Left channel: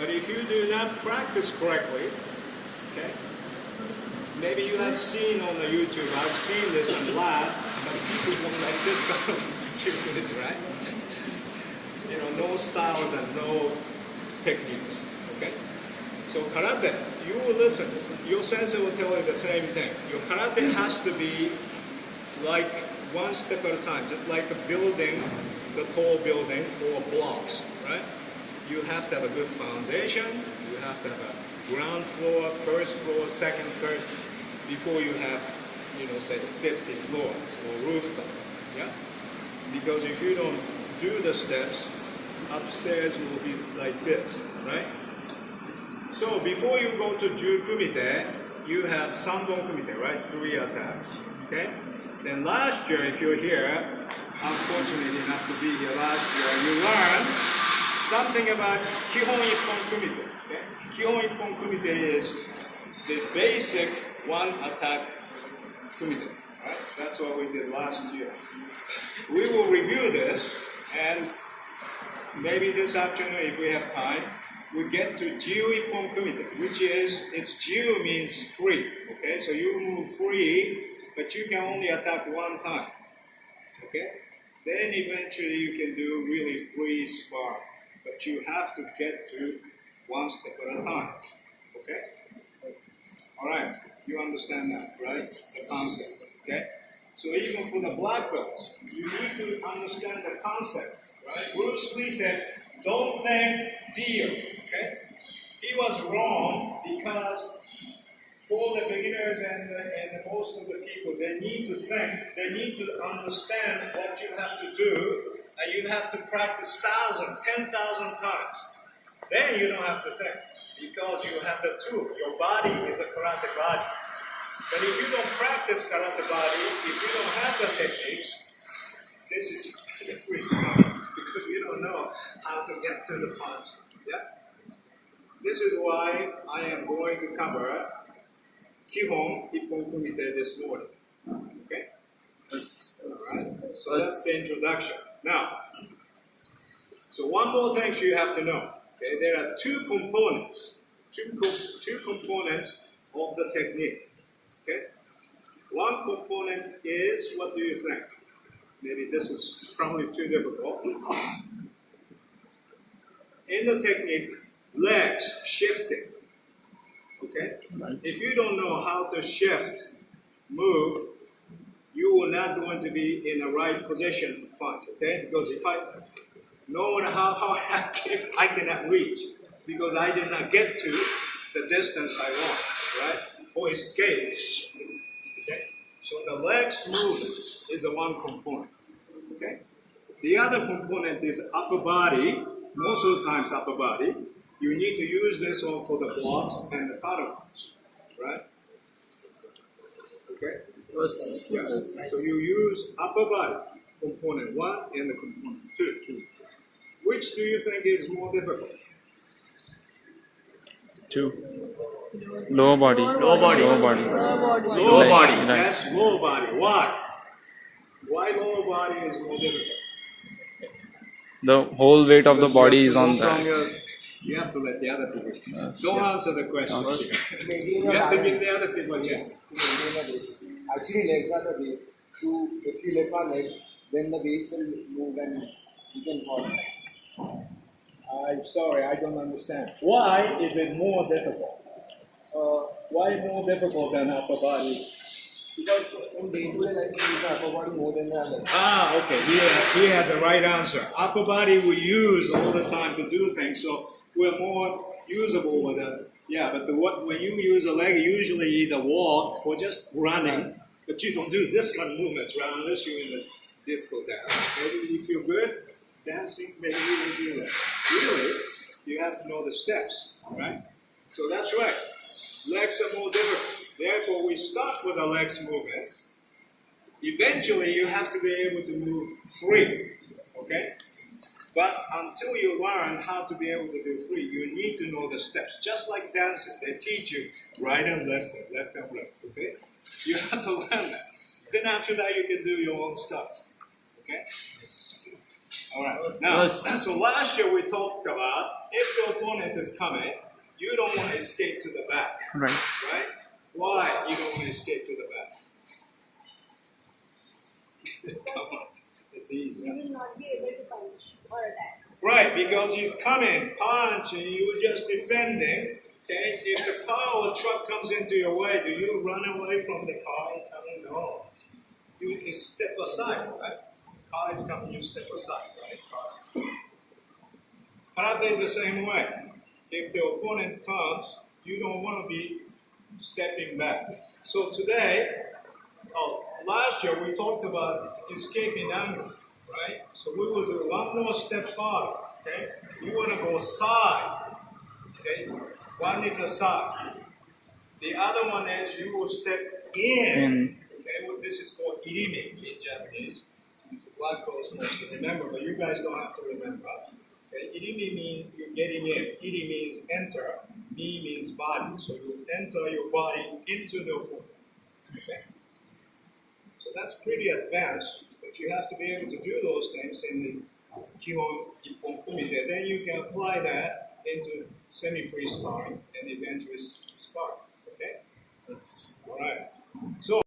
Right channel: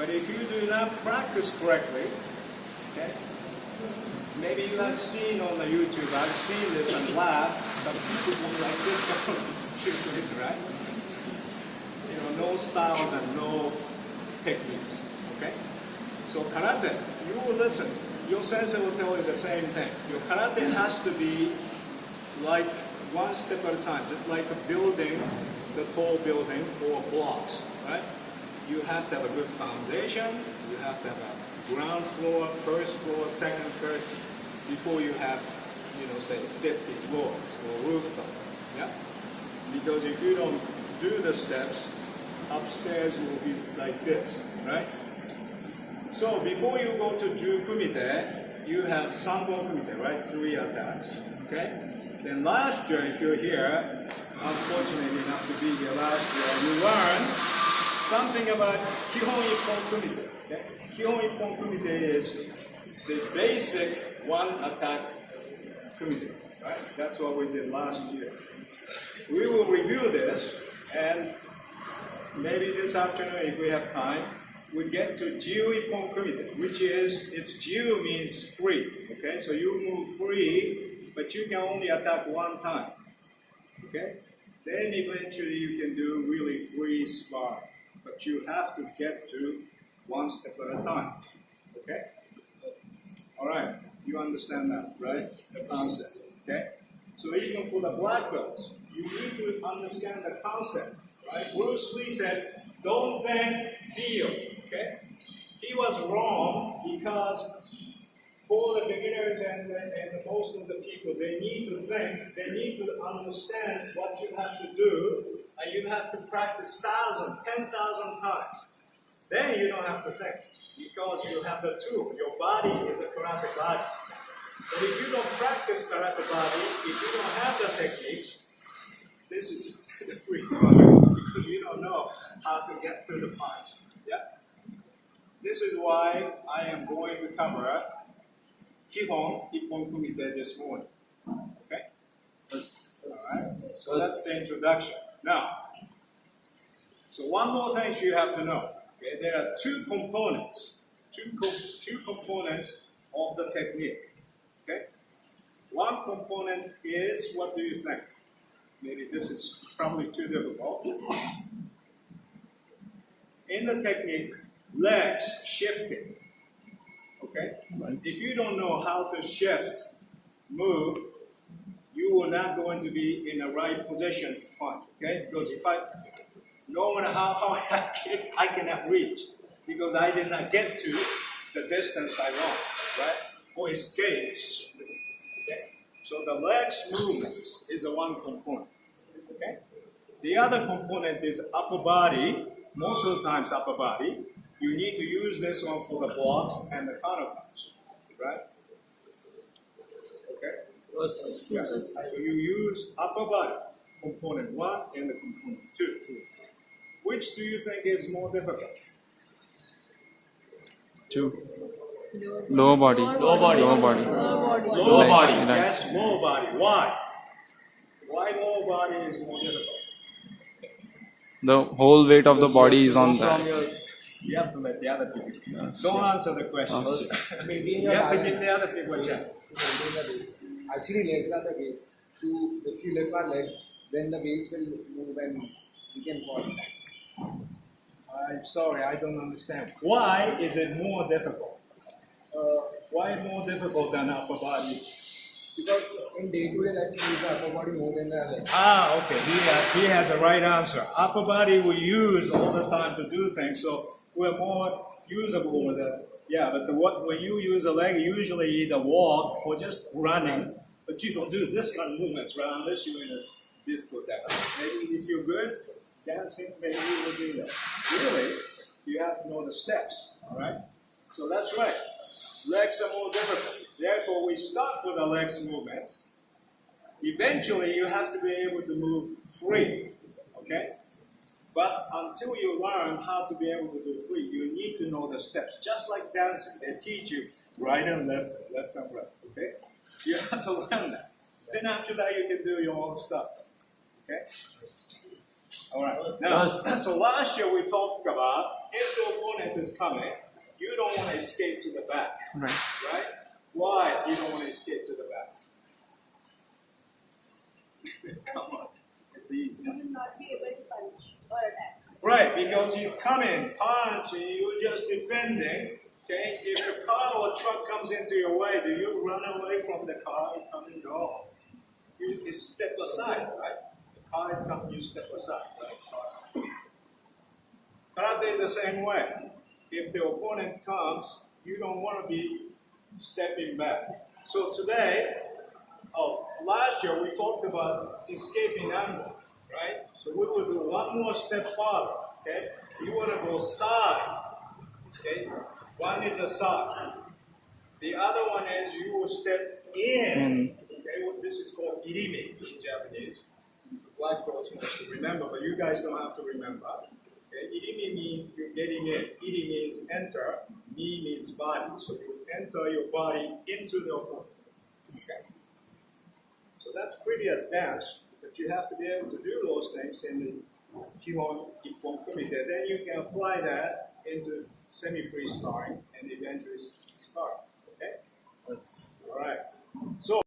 But if you do not practice correctly, okay, maybe you have seen on the YouTube, I've seen this and laughed, some people don't like this kind of Jiu-Jitsu, right? You know, no styles and no techniques, okay? So karate, you will listen. Your sensei will tell you the same thing. Your karate has to be like one step at a time, just like a building, the tall building or blocks, right? You have to have a good foundation. You have to have a ground floor, first floor, second, third, before you have, you know, say 50 floors or rooftop, yeah? Because if you don't do the steps, upstairs will be like this, right? So before you go to Jiyu kumite, you have Sanbon kumite, right? 3 attacks, okay? Then last year, if you're here, unfortunate enough to be here last year, you learned something about Kihon Ippon kumite, okay? Kihon Ippon kumite is the basic one attack kumite, right? That's what we did last year. We will review this, and maybe this afternoon, if we have time, we get to Jiyu Ippon kumite, which is, it's Jiyu means free, okay? So you move free, but you can only attack one time, okay? Then eventually you can do really free sparring, but you have to get to one step at a time, okay? All right, you understand that, right? The concept, okay? So even for the black belts, you need to understand the concept, right? Bruce Lee said, don't think, feel, okay? He was wrong because for the beginners and most of the people, they need to think, they need to understand what you have to do, and you have to practice 10,000 times. Then you don't have to think, because you have the tool. Your body is a karate body. But if you don't practice karate body, if you don't have the techniques, this is free sparring, because you don't know how to get to the punch. Yeah? This is why I am going to cover Kihon Ippon kumite this morning. Okay? Alright? So that's the introduction. Now, so one more thing you have to know. Okay? There are two components of the technique. Okay? One component is, what do you think? Maybe this is probably too difficult. In the technique, legs shifting. Okay? Right. If you don't know how to shift, move, you will not going to be in the right position to punch. Okay? Because if no matter how hard I kick, I cannot reach because I did not get to the distance I want, right? Or escape. Okay? So the legs movements is the one component. Okay? The other component is upper body. Most of the times upper body. You need to use this one for the blocks and the counterpunch, right? Okay? Yes. So you use upper body, component 1 and the component 2. Which do you think is more difficult? 2. Lower body. Lower body. Right. Yes, lower body. Why? Why lower body is more difficult? The whole weight of the body is on that. You have to let the other people. Yes, Don't answer the question. You have to give the other people a chance. Actually, legs are the base. If you lift our leg, then the base will move and we can fall. I'm sorry, I don't understand. Why is it more difficult? Why more difficult than upper body? Because in day-to-day life, we use the upper body more than the leg. Okay. He has the right answer. Upper body we use all the time to do things, so we're more usable with it. Yeah, but when you use a leg, usually either walk or just running, but you don't do this kind of movements, right? Unless you're in a disco dance. Maybe you feel good dancing, maybe you will do that. Really, you have to know the steps, all right? So that's right. Legs are more difficult. Therefore, we start with the legs movements. Eventually, you have to be able to move free, okay? But until you learn how to be able to do free, you need to know the steps. Just like dancing, they teach you right and left and right, okay? You have to learn that. Then after that, you can do your own stuff, okay? All right. Now, so last year we talked about if the opponent is coming, you don't want to escape to the back. Right. Right? Why you don't want to escape to the back? Come on. It's easy. You will not be able to punch or attack. Right, because he's coming, punch, and you're just defending. Okay? If the car or truck comes into your way, do you run away from the car coming? No. You step aside, right? The car is coming, you step aside, right? Karate is the same way. If the opponent comes, you don't want to be stepping back. So today, last year we talked about escaping angle, right? So we will do one more step farther, okay? You want to go side, okay? One is a side. The other one is you will step in. Okay, well, this is called irimi in Japanese. Black folks mostly remember, but you guys don't have to remember. Okay, irimi means you're getting in. Iri means enter. Ni means body. So you enter your body into the opponent. Okay? So that's pretty advanced, but you have to be able to do those things in the Kihon Ippon Kumite. Then you can apply that into semi-free sparring and eventually sparring. Okay? All right. So